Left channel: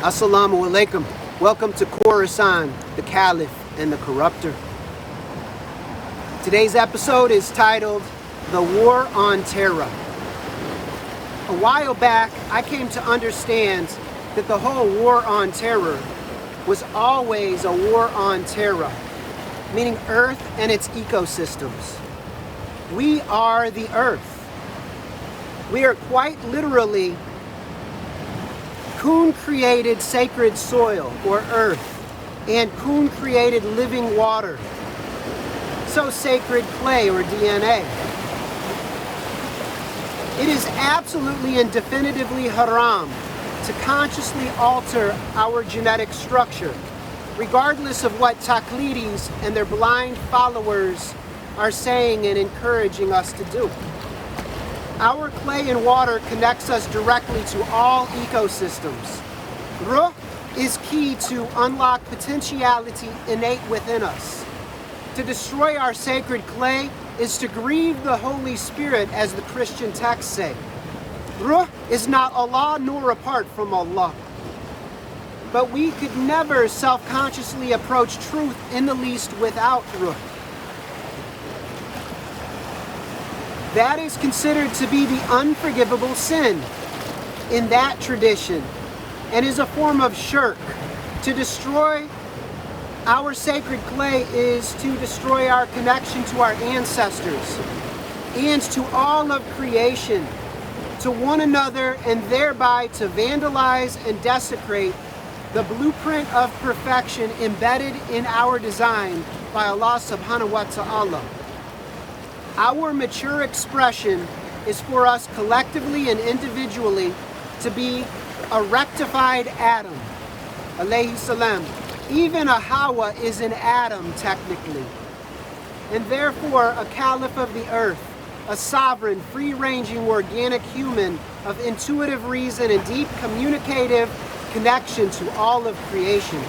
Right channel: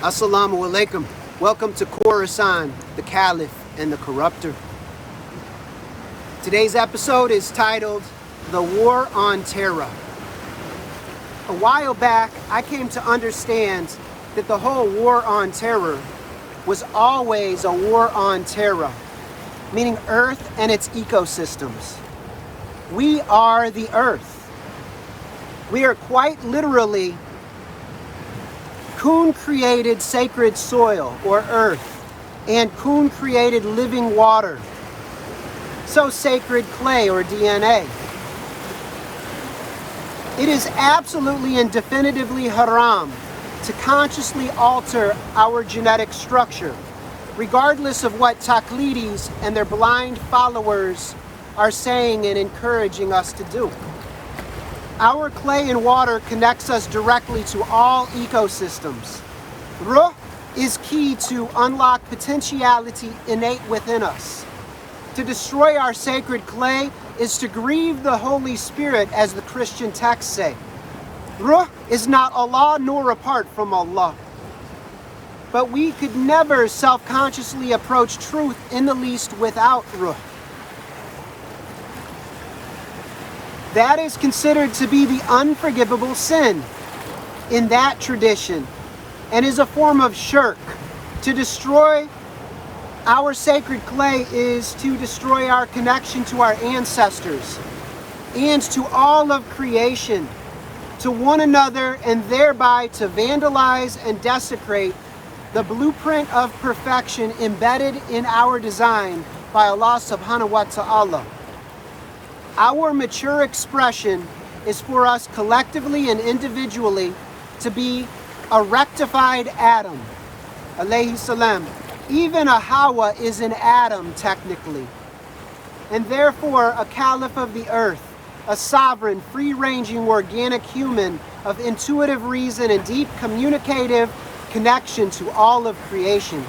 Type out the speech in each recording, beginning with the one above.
Assalamu alaikum. Welcome to Khorasan, the Caliph and the Corrupter. Today's episode is titled The War on Terra. A while back, I came to understand that the whole war on terror was always a war on Terra, meaning Earth and its ecosystems. We are the Earth. We are quite literally Kun-created sacred soil, or earth, and Kun-created living water, so sacred clay, or DNA. It is absolutely and definitively haram to consciously alter our genetic structure, regardless of what taqlidis and their blind followers are saying and encouraging us to do. Our clay and water connects us directly to all ecosystems. Ruh is key to unlock potentiality innate within us. To destroy our sacred clay is to grieve the Holy Spirit, as the Christian texts say. Ruh is not Allah nor apart from Allah. But we could never self-consciously approach truth in the least without ruh. That is considered to be the unforgivable sin in that tradition, and is a form of shirk. To destroy our sacred clay is to destroy our connection to our ancestors and to all of creation, to one another, and thereby to vandalize and desecrate the blueprint of perfection embedded in our design by Allah subhanahu wa ta'ala. Our mature expression is for us collectively and individually to be a rectified Adam, alayhi salam. Even a Hawa is an Adam technically, and therefore a caliph of the earth, a sovereign, free-ranging, organic human of intuitive reason and deep communicative connection to all of creation.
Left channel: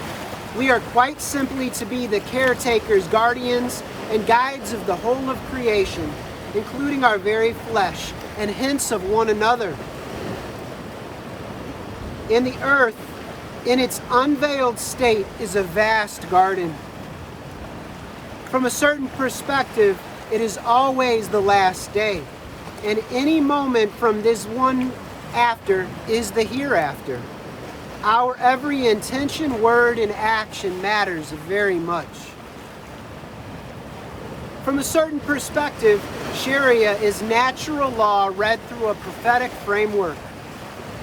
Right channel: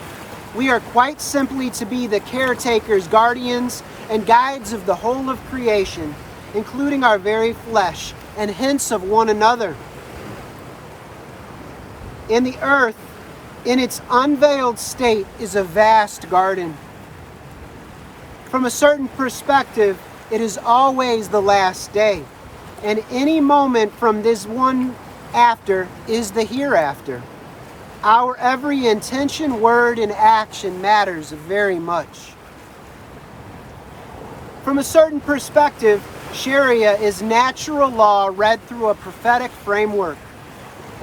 We are quite simply to be the caretakers, guardians, and guides of the whole of creation, including our very flesh, and hence of one another. And the earth, in its unveiled state, is a vast garden. From a certain perspective, it is always the last day, and any moment from this one after is the hereafter. Our every intention, word, and action matters very much. From a certain perspective, Sharia is natural law read through a prophetic framework,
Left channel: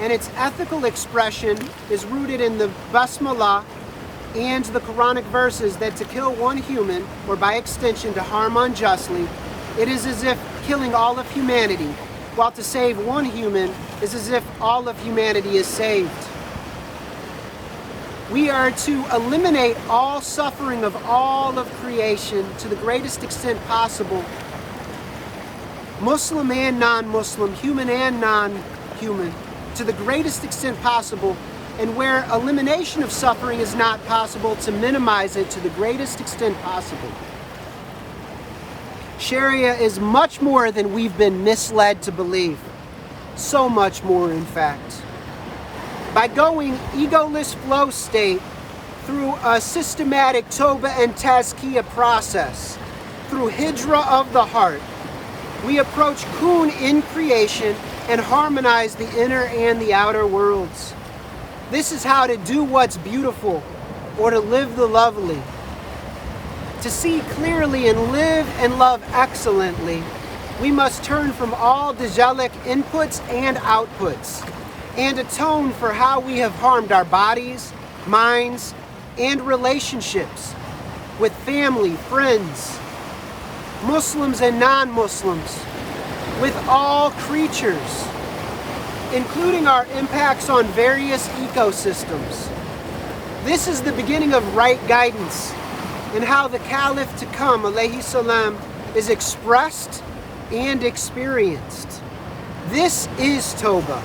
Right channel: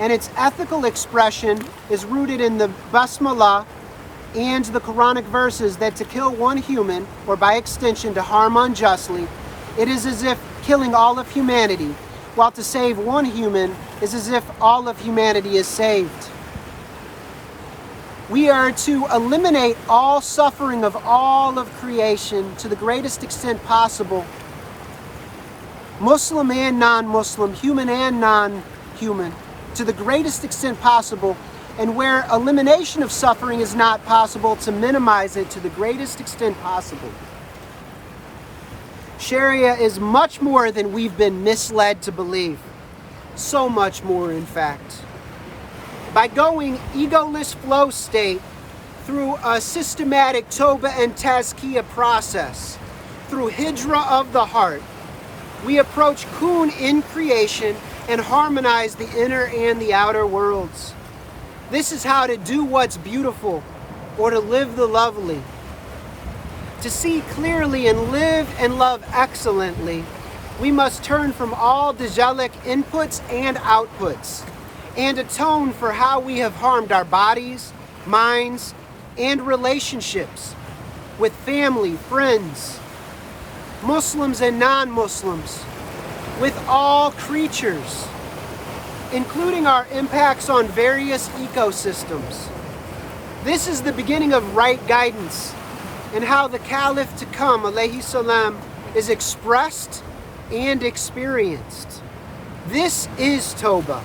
and its ethical expression is rooted in the Basmalah and the Quranic verses that to kill one human, or by extension to harm unjustly, it is as if killing all of humanity, while to save one human is as if all of humanity is saved. We are to eliminate all suffering of all of creation to the greatest extent possible, Muslim and non-Muslim, human and non-human, to the greatest extent possible, and where elimination of suffering is not possible, to minimize it to the greatest extent possible. Sharia is much more than we've been misled to believe. So much more, in fact. By going egoless flow state through a systematic Toba and Tazkiyah process, through Hijra of the heart, we approach Kun in creation and harmonize the inner and the outer worlds. This is how to do what's beautiful, or to live the lovely. To see clearly and live and love excellently, we must turn from all Dajjalic inputs and outputs, and atone for how we have harmed our bodies, minds, and relationships with family, friends, Muslims and non-Muslims, with all creatures, including our impacts on various ecosystems. This is the beginning of right guidance, and how the Caliph to come, alayhi salam, is expressed and experienced. This is Toba.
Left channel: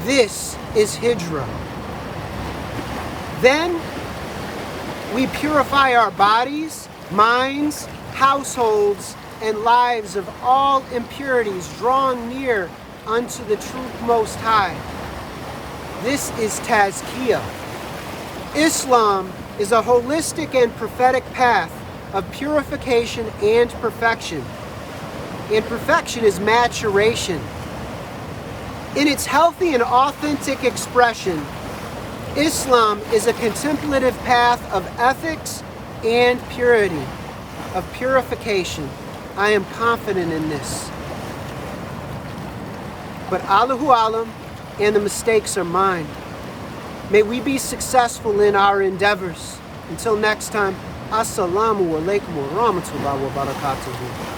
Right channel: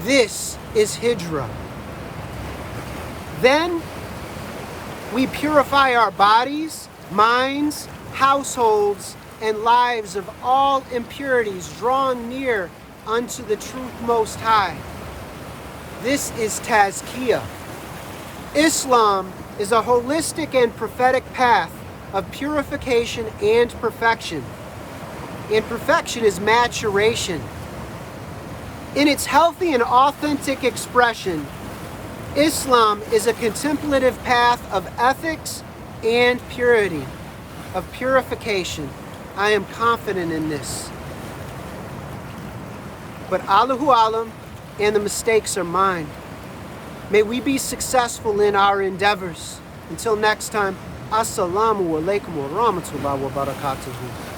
This is Hijra. Then we purify our bodies, minds, households, and lives of all impurities, drawing near unto the truth most high. This is Tazkiyah. Islam is a holistic and prophetic path of purification and perfection. And perfection is maturation. In its healthy and authentic expression, Islam is a contemplative path of ethics and purity, of purification. I am confident in this. But Allahu Alam, and the mistakes are mine. May we be successful in our endeavors. Until next time, Assalamu alaikum wa rahmatullahi wa barakatuhu.